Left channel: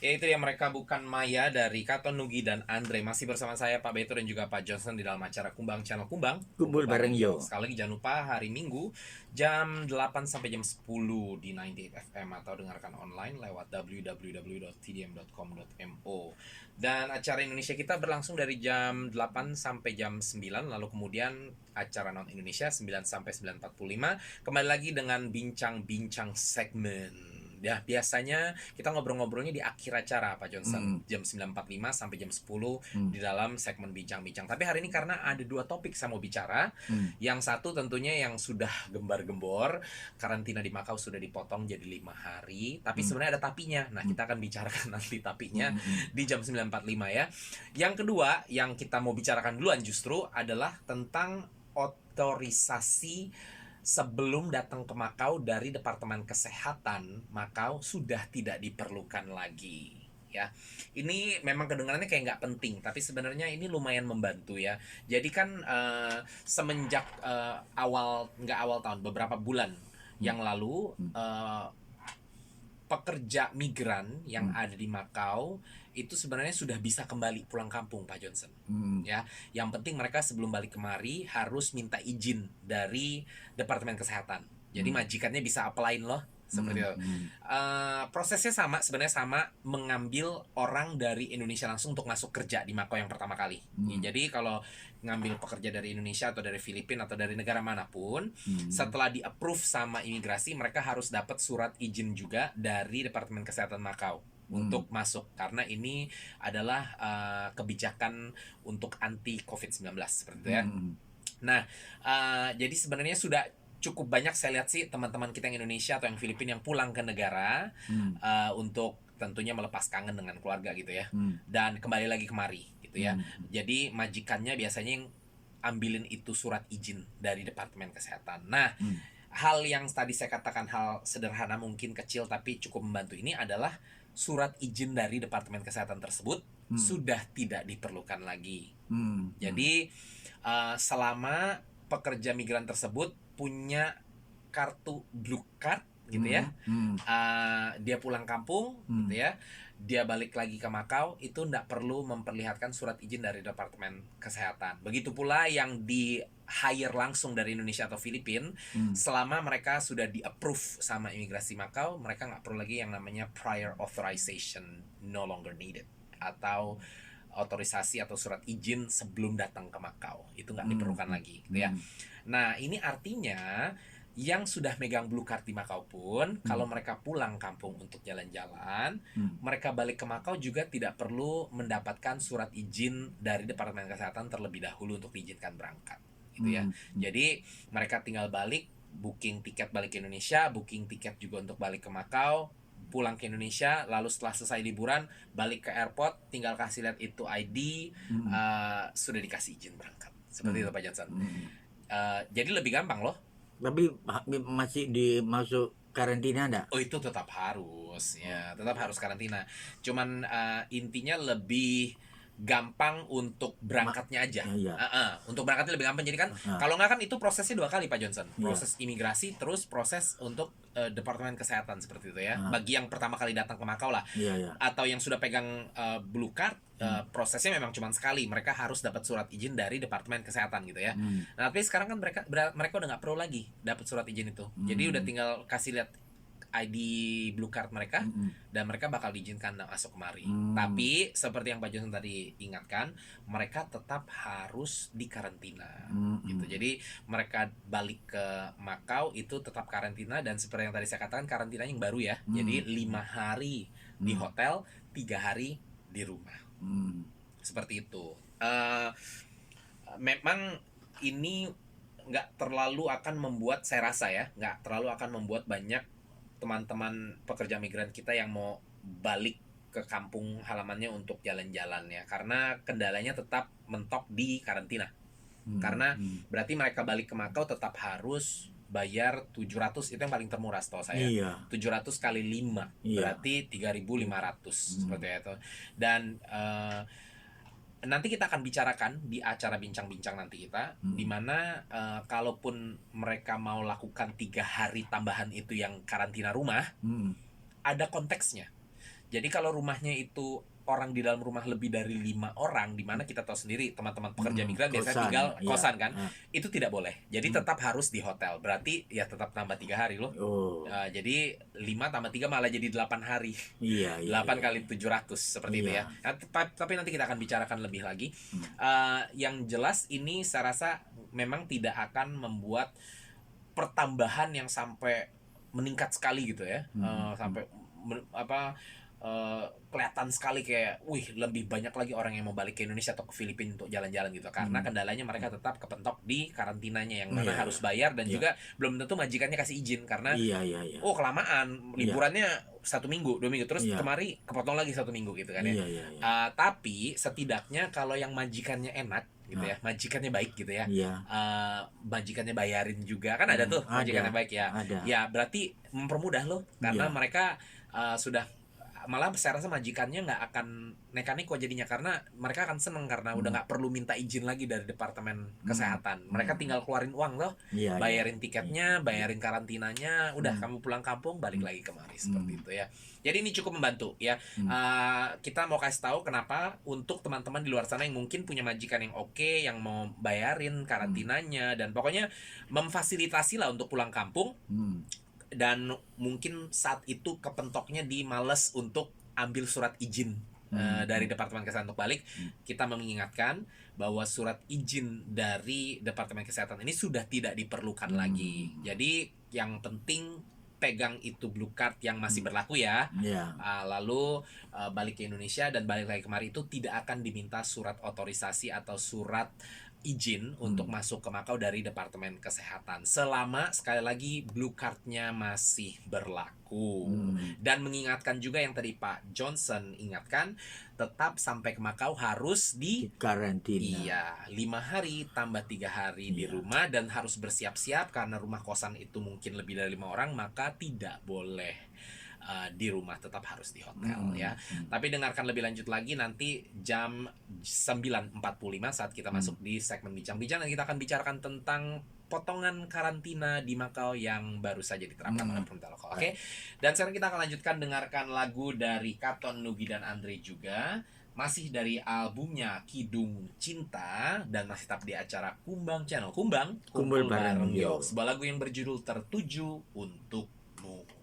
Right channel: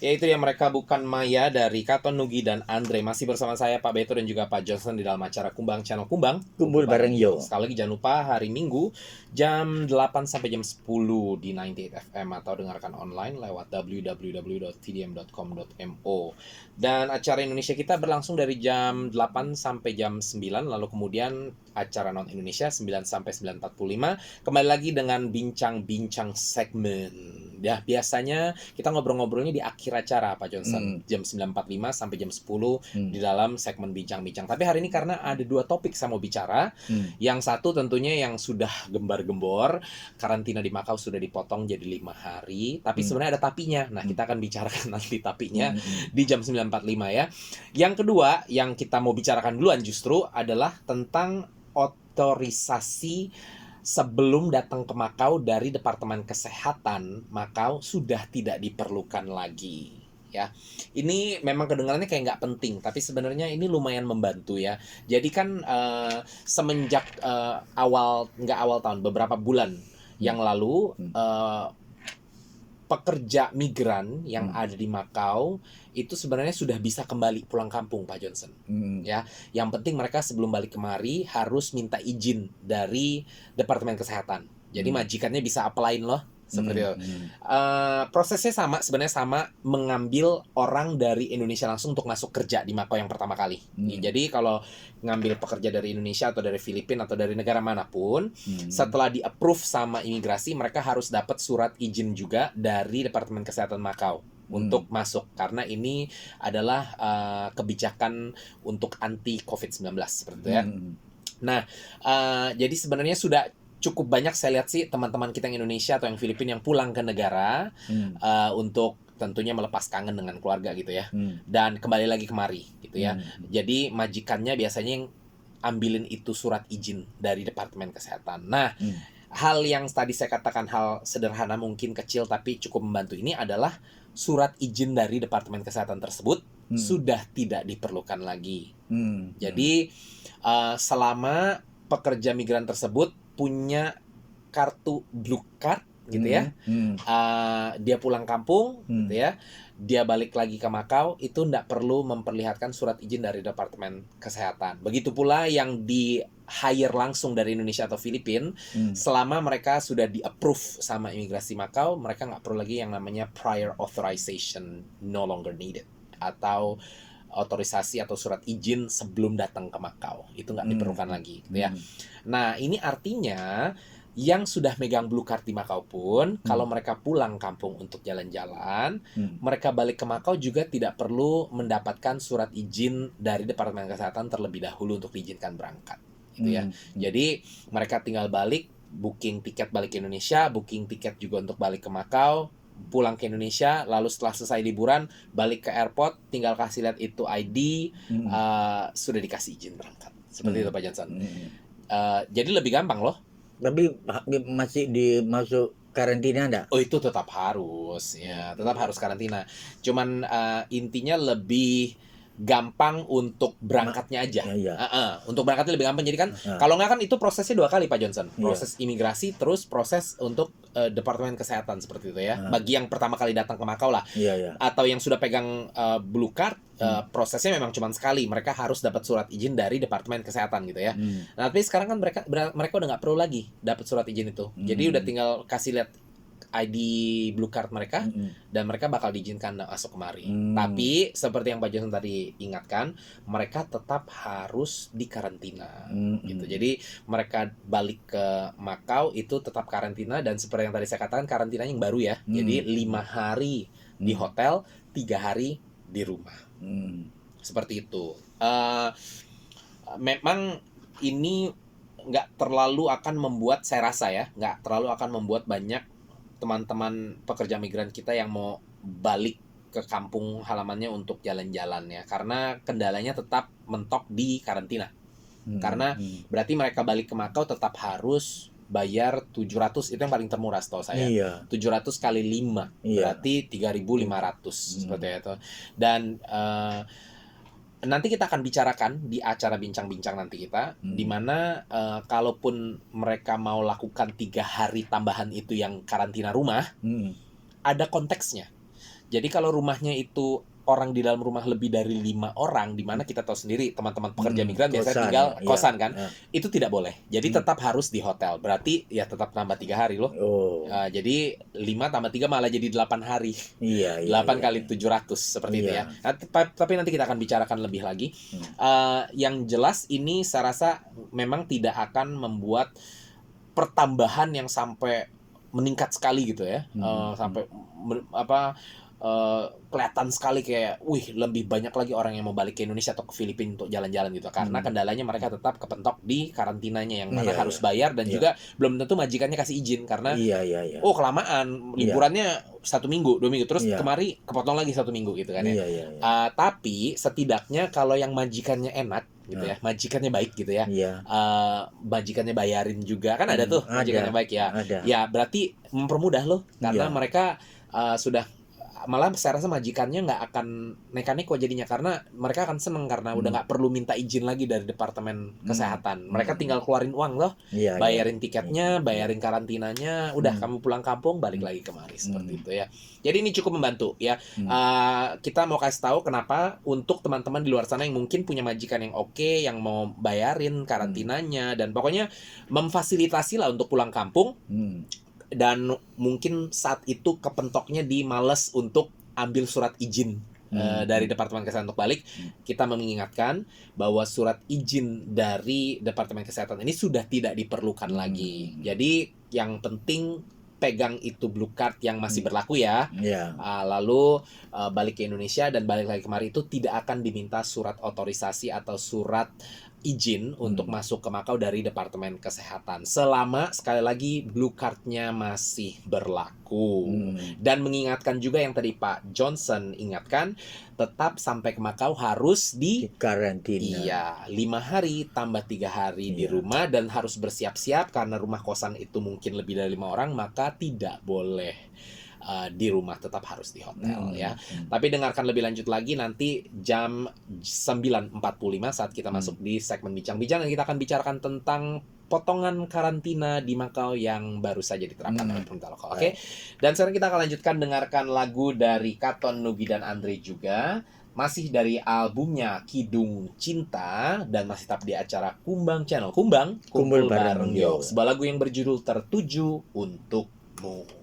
Yaitu yang mereka bukan Maya dari Katon Nugi dan Andre. Masih bersama saya Pak Beto dan juga Pak Johnson di dalam acara Kumbang Channel Kumbang Kumpul bareng yo. Sekali lagi jangan lupa hari Minggu jam 8 sampai jam 10 di 98 FM atau dengarkan online lewat www.tdm.com.mo. Dan acara Indonesia kita berlangsung dari jam 8 sampai jam 9, lalu kemudian acara non Indonesia 9 sampai 9.45. Kembali lagi dengan bincang-bincang segmen. Ya, biasanya kita ngobrol-ngobrolnya di akhir acara Pak Johnson, jam 9.45 sampai jam 10 di dalam segmen bincang-bincang. Tapi hari ini karena ada dua topik saya mau bicara. Yang satu tentunya yang sudah gembar-gembor, karantina di Makau sudah dipotong jadi 5 hari, tapi sebenarnya ada tapinya. Nah, kita akan bicarakan nanti tapinya di jam 9.45 ya. Yang kedua yang kita mau bicarakan duluan justru adalah tentang otorisasi sebelum datang ke Makau dari Departemen Kesehatan Makau sudah tidak diperlukan lagi ya. Ini memang kedengarannya kayak nggak penting, tapi sebenarnya ini lumayan membantu ya. Jadi kan semenjak nggak awal tahun, beberapa bulan yang lalu pekerja migran yang ada di Makau itu sebenarnya sudah bisa kembali pulang kampung Pak Johnson. Ya, yang penting mereka sebelum balik kemari harus minta izin dari Departemen Kesehatan. Jadi majikannya bisa applyin loh seperti itu. Prosesnya sebenarnya sama mengambil orang dari Indonesia langsung untuk masuk kerja di Makau yang pertama kali. Jadi kalau ngambil pekerja dari Indonesia atau dari Filipina atau dari negara manapun, setelah di-approve sama imigrasi, mereka harus dapat surat izin juga dari Departemen Kesehatan Makau untuk masuk, karena ini adalah kebijakan untuk anti COVID-19 seperti itu ya. Nah, jadi sebenarnya sudah cukup banyak saya lihat sih teman-teman kita yang Indonesia atau yang Filipina yang pulang ke negara untuk tentunya melepas kangen dengan keluarga gitu ya, dan kembali lagi kemari gitu ya. Jadi majikannya biasanya yang ambilin itu surat izin dari Departemen Kesehatan. Nah, hal yang tadi saya katakan hal sederhana mungkin kecil tapi cukup membantu ini adalah surat izin dari Departemen Kesehatan tersebut sudah tidak diperlukan lagi. Jadi selama pekerja migran tersebut punya kartu blue card gitu ya, dia pulang kampung gitu ya, dia balik lagi ke Makau, itu tidak perlu memperlihatkan surat izin dari Departemen Kesehatan. Begitu pula yang di hire langsung dari Indonesia atau Filipina, selama mereka sudah di-approve sama imigrasi Makau, mereka nggak perlu lagi yang namanya prior authorization, no longer needed, atau otorisasi atau surat izin sebelum datang ke Makau. Itu nggak diperlukan lagi gitu ya. Nah, ini artinya yang sudah megang blue card di Makau pun kalau mereka pulang kampung untuk jalan-jalan, mereka balik ke Makau juga tidak perlu mendapatkan surat izin dari Departemen Kesehatan terlebih dahulu untuk diizinkan berangkat gitu ya. Jadi mereka tinggal balik, booking tiket balik ke Indonesia, booking tiket juga untuk balik ke Makau, pulang ke Indonesia, lalu setelah selesai liburan balik ke airport, tinggal kasih lihat itu ID, sudah dikasih izin berangkat seperti itu Pak Johnson. Jadi lebih gampang loh. Tapi masih dimasuk karantina enggak? Oh, itu tetap harus ya, tetap harus karantina. Cuman intinya lebih gampang untuk berangkatnya aja. Iya. Untuk berangkatnya lebih gampang. Jadi kan kalau nggak kan itu prosesnya 2 kali Pak Johnson. Proses imigrasi terus proses untuk Departemen Kesehatan seperti itu ya. Bagi yang pertama kali datang ke Makau lah. Atau yang sudah pegang blue card, prosesnya memang cuma sekali. Mereka harus dapat surat izin dari Departemen Kesehatan gitu ya. Nah, tapi sekarang kan mereka udah nggak perlu lagi dapat surat izin itu. Jadi udah tinggal kasih lihat ID blue card mereka dan mereka bakal diizinkan masuk kemari. Tapi seperti yang Pak Johnson tadi ingatkan, mereka tetap harus dikarantina gitu. Jadi mereka balik ke Makau itu tetap karantina, dan seperti yang tadi saya katakan karantinanya yang baru ya. Jadi 5 hari di hotel, 3 hari di rumah. Seperti itu. Memang ini nggak terlalu akan membuat, saya rasa ya, nggak terlalu akan membuat banyak teman-teman pekerja migran kita yang mau balik ke kampung halamannya untuk jalan-jalan ya, karena kendalanya tetap mentok di karantina. Karena berarti mereka balik ke Makau tetap harus bayar 700, itu yang paling termurah setahu saya. 700 kali 5 berarti 3.500 seperti itu. Dan nanti kita akan bicarakan di acara bincang-bincang nanti kita, di mana kalaupun mereka mau lakukan 3 hari tambahan itu yang karantina rumah, ada konteksnya. Jadi kalau rumahnya itu orang di dalam rumah lebih dari 5 orang, di mana kita tahu sendiri teman-teman pekerja migran biasanya kosan, tinggal ya. kosan kan, Ya. itu tidak boleh. Jadi tetap harus di hotel. Berarti ya tetap tambah 3 hari loh. Oh. Jadi 5 tambah 3 malah jadi 8 hari. Iya, 8 iya. kali 700 seperti itu ya. Nah, tapi nanti kita akan bicarakan lebih lagi. Yang jelas ini saya rasa memang tidak akan membuat pertambahan yang sampai meningkat sekali gitu ya. Sampai kelihatan sekali kayak, wih lebih banyak lagi orang yang mau balik ke Indonesia atau ke Filipina untuk jalan-jalan gitu. Karena kendalanya mereka tetap kepentok di karantinanya yang mana harus bayar dan juga belum tentu majikannya kasih izin karena oh kelamaan liburannya 1 minggu 2 minggu terus kemari kepotong lagi 1 minggu gitu kan ya. Tapi setidaknya kalau yang majikannya enak gitu ya, majikannya baik gitu ya, majikannya bayarin juga kan ada tuh majikannya baik ya. Ya berarti mempermudah loh karena mereka sudah malah saya rasa majikannya nggak akan neko-neko jadinya karena mereka akan seneng karena udah nggak perlu minta izin lagi dari departemen kesehatan. Mereka tinggal keluarin uang loh, bayarin tiketnya, bayarin karantinanya, udah kamu pulang kampung balik lagi kemari seperti itu ya. Jadi ini cukup membantu ya. Kita mau kasih tahu kenapa untuk teman-teman di luar sana yang mungkin punya majikan yang oke, yang mau bayarin karantinanya dan pokoknya memfasilitasi lah untuk pulang kampung. Dan mungkin saat itu kepentoknya di males untuk ambil surat izin dari Departemen Kesehatan untuk balik. Kita mengingatkan bahwa surat izin dari Departemen Kesehatan ini sudah tidak diperlukan lagi. Jadi yang penting pegang itu blue card yang masih berlaku ya. Lalu balik ke Indonesia dan balik lagi kemari itu tidak akan diminta surat otorisasi atau surat izin untuk masuk ke Makau dari Departemen Kesehatan selama sekali lagi blue card-nya masih berlaku. Dan mengingatkan juga yang tadi Pak Johnson ingatkan, tetap sampai ke Makau harus di karantina. Iya, 5 hari tambah 3 hari di rumah dan harus bersiap-siap karena rumah kosan itu mungkin lebih dari 5 orang, maka tidak boleh di rumah, tetap harus di hotel ya. Tapi dengarkan lebih lanjut lagi nanti jam 9.45 saat kita masuk di segmen bincang-bincang dan kita akan bicarakan tentang potongan karantina di Makau yang baru saja diterapkan oleh pemerintah lokal. Oke. Dan sekarang kita akan lanjutkan dengarkan lagu dari Katon, Nugi dan Andre juga. Masih dari albumnya Kidung Cinta dan masih tetap di acara Kumbang Channel. Kumbang, kumpul bareng Yo. Sebuah lagu yang berjudul Tertuju Untukmu.